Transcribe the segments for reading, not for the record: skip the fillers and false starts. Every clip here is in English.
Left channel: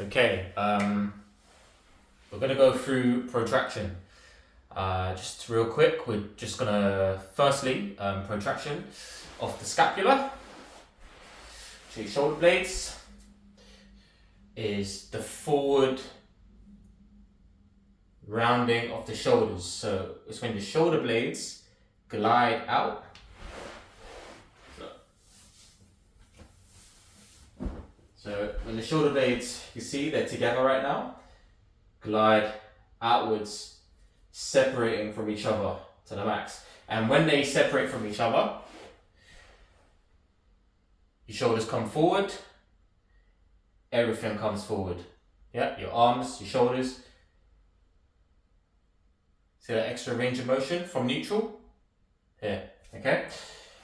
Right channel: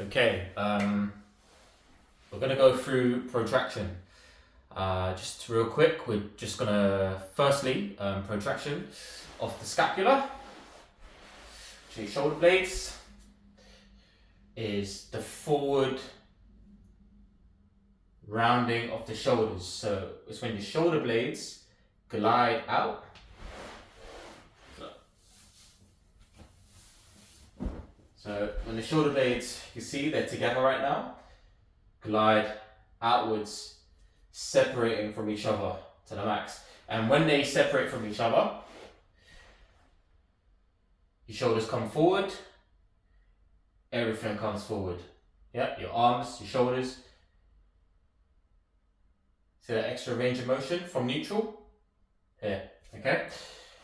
Okay, we're going to go through protraction. Just real quick, we're just going to firstly protraction of the scapula to your shoulder blades is the forward rounding of the shoulders. So it's when your shoulder blades glide out. So when the shoulder blades, you see they're together right now, glide outwards, separating from each other to the max. And when they separate from each other, your shoulders come forward, everything comes forward. Yeah, your arms, your shoulders. See that extra range of motion from neutral? Here, okay?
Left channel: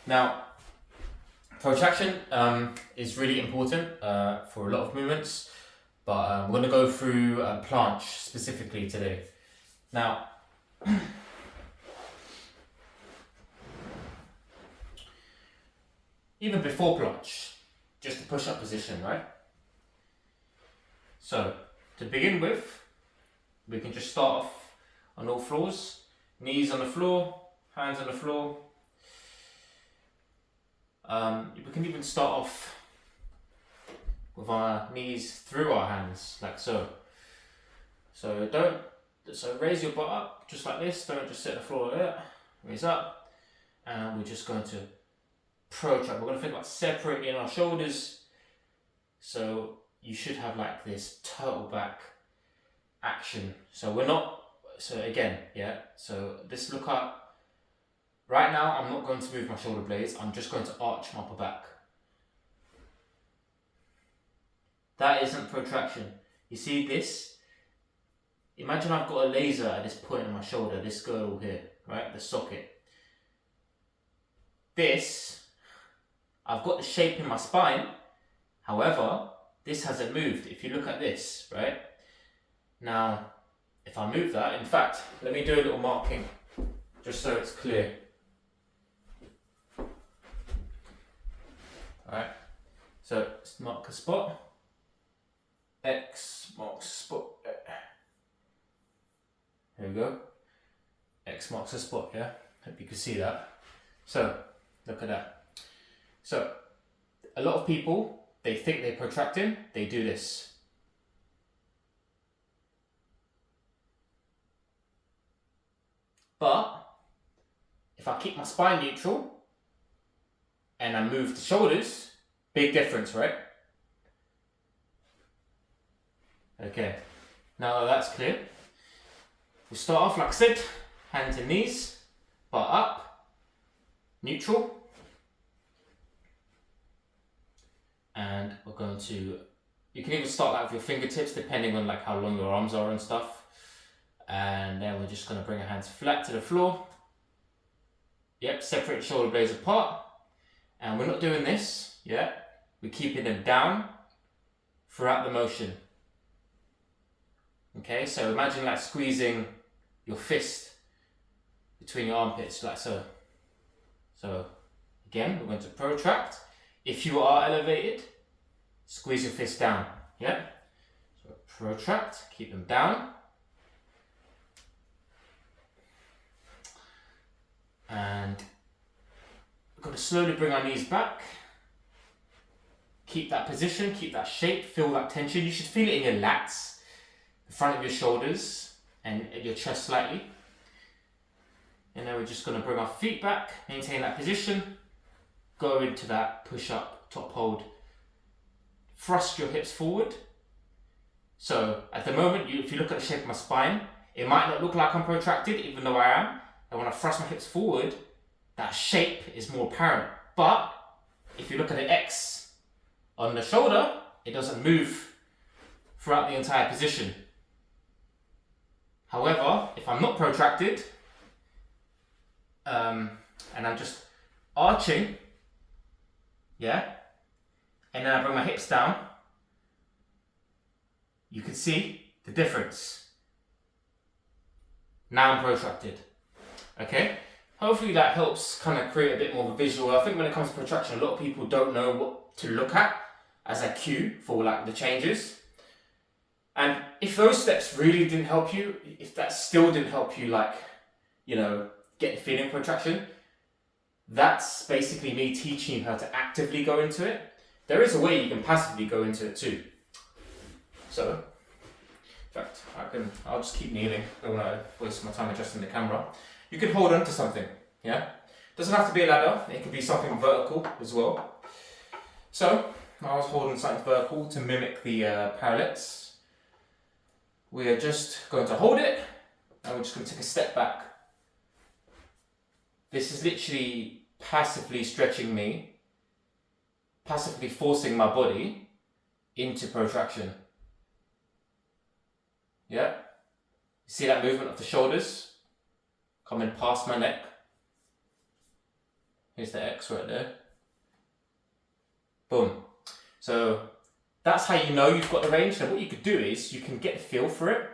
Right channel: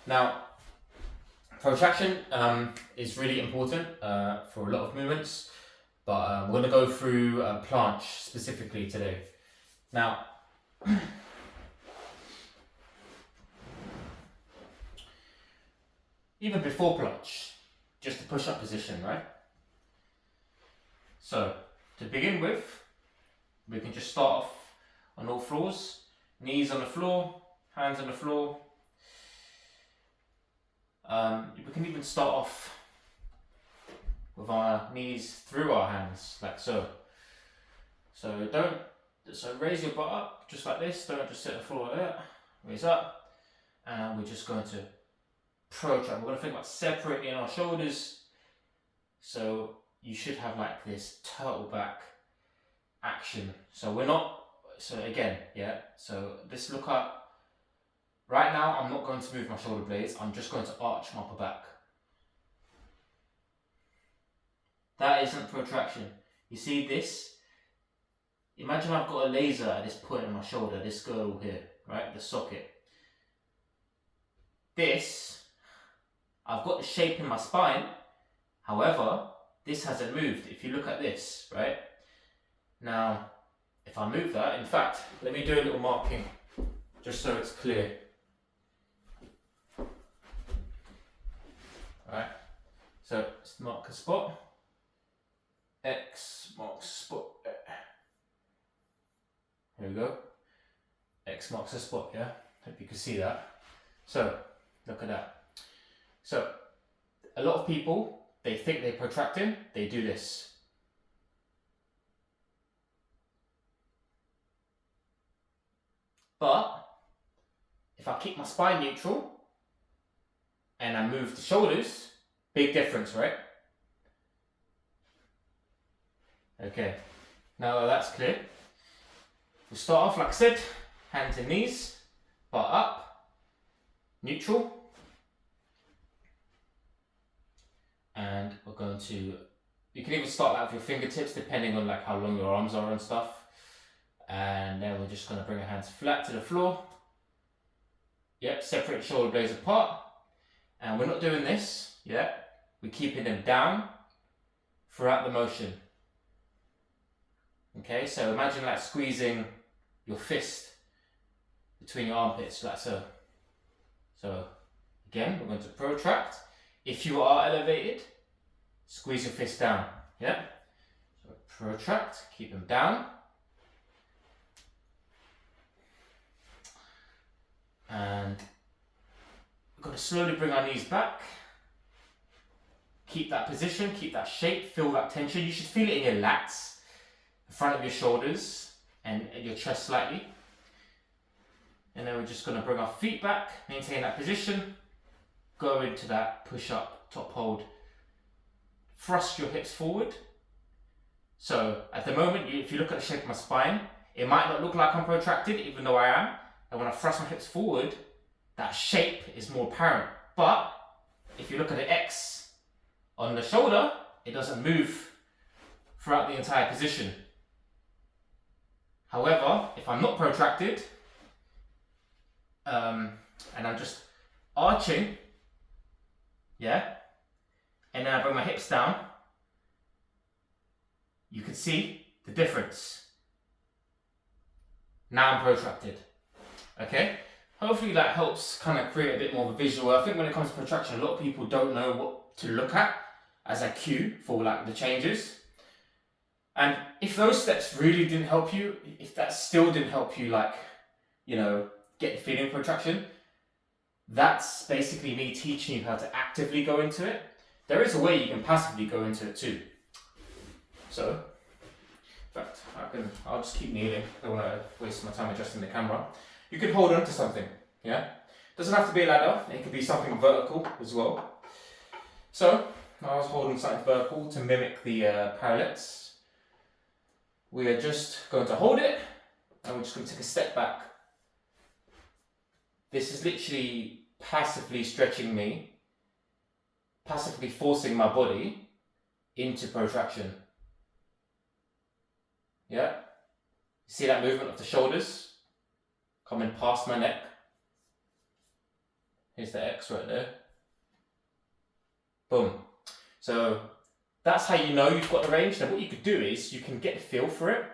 Now, protraction is really important for a lot of movements, but we're going to go through planche specifically today. Now, even before planche, just the push-up position, right? So, to begin with, we can just start off on all floors, knees on the floor, hands on the floor. We can even start off with our knees through our hands, like so. So raise your butt up, just like this. Don't just sit on the floor like that. Raise up, and we're just going to protract. We're going to think about separating our shoulders. So you should have like this turtle back action. So we're not. So again, yeah. So this look up. Right now, I'm not going to move my shoulder blades. I'm just going to arch my upper back. That isn't protraction. You see this? Imagine I've got a laser at this point in my shoulder, this girdle here, right? The socket. This, I've got the shape in my spine. However, this hasn't moved. If you look at this, right? Now, if I move that, in fact, let me do a little marking just so it's clear. Alright, so let's mark a spot. X marks a spot. Here we go. X marks a spot, yeah? Hope you can see that. So, look at that. So, a lot of people, they think they're protracting, they do this. But, if I keep my spine neutral, and I move the shoulders, big difference, right? Okay, now that that's clear, we'll start off like I said, hands and knees, butt up, neutral, and we're going to, you can even start that with your fingertips depending on like how long your arms are and stuff, and then we're just going to bring our hands flat to the floor. Yep, separate the shoulder blades apart. And we're not doing this, yeah? We're keeping them down throughout the motion. Okay, so imagine like squeezing your fist between your armpits, like so. So, again, we're going to protract. If you are elevated, squeeze your fist down, yeah? So protract, keep them down. And we're going to slowly bring our knees back. Keep that position, keep that shape, feel that tension. You should feel it in your lats, the front of your shoulders, and your chest slightly. And then we're just going to bring our feet back, maintain that position, go into that push-up, top hold. Thrust your hips forward. So at the moment, if you look at the shape of my spine, it might not look like I'm protracted, even though I am. And when I thrust my hips forward, that shape is more apparent. But if you look at the X on the shoulder, it doesn't move throughout the entire position. However, if I'm not protracted, and I'm just arching, yeah, and then I bring my hips down, you can see the difference. Now I'm protracted. Okay? Hopefully that helps kind of create a bit more of a visual. I think when it comes to protraction, a lot of people don't know what to look at as a cue for like the changes. And if those steps really didn't help you, if that still didn't help you, like, you know, get the feeling protraction, that's basically me teaching you how to actively go into it. There is a way you can passively go into it too. So, in fact, I'll just keep kneeling. I don't want to waste my time adjusting the camera. You can hold on to something, yeah? Doesn't have to be a ladder, it could be something vertical as well. So, I was holding something vertical to mimic the parallettes. We are just going to hold it, and we're just going to take a step back. This is literally passively stretching me, passively forcing my body into protraction. Yeah? You see that movement of the shoulders coming past my neck? Here's the X right there. Boom. So that's how you know you've got the range. Now what you could do is you can get a feel for it.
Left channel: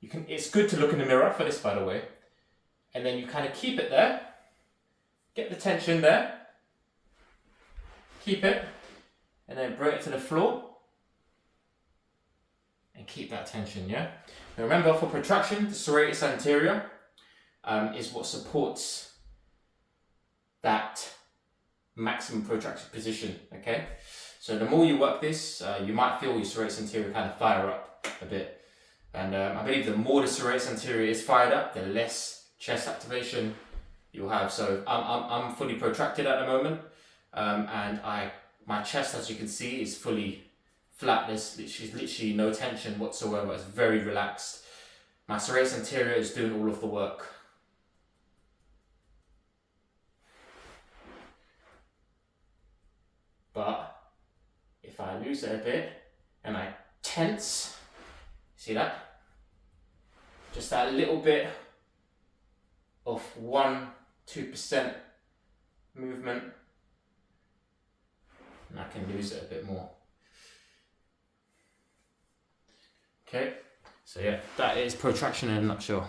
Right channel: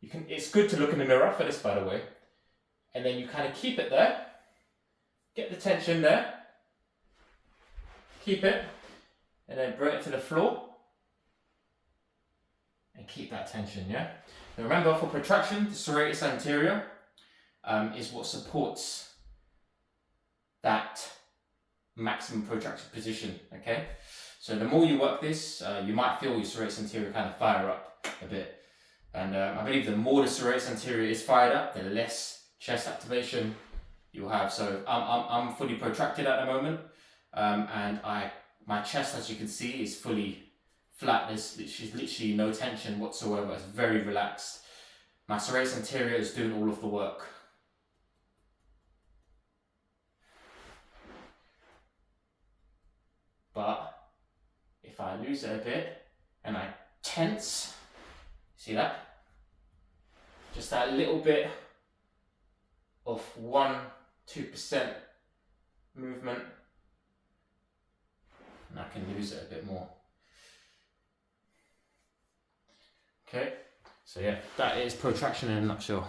It's good to look in the mirror for this, by the way. And then you kind of keep it there. Get the tension there. Keep it. And then bring it to the floor. And keep that tension, yeah? Now remember, for protraction, the serratus anterior is what supports that maximum protraction position, okay? So the more you work this, you might feel your serratus anterior kind of fire up a bit. And I believe the more the serratus anterior is fired up, the less chest activation you'll have. So I'm fully protracted at the moment, and my chest, as you can see, is fully flat. There's literally no tension whatsoever. It's very relaxed. My serratus anterior is doing all of the work. But if I lose it a bit and I tense, see that? Just that little bit of 1-2% movement, and I can lose it a bit more. Okay, so yeah, that is protraction in a nutshell.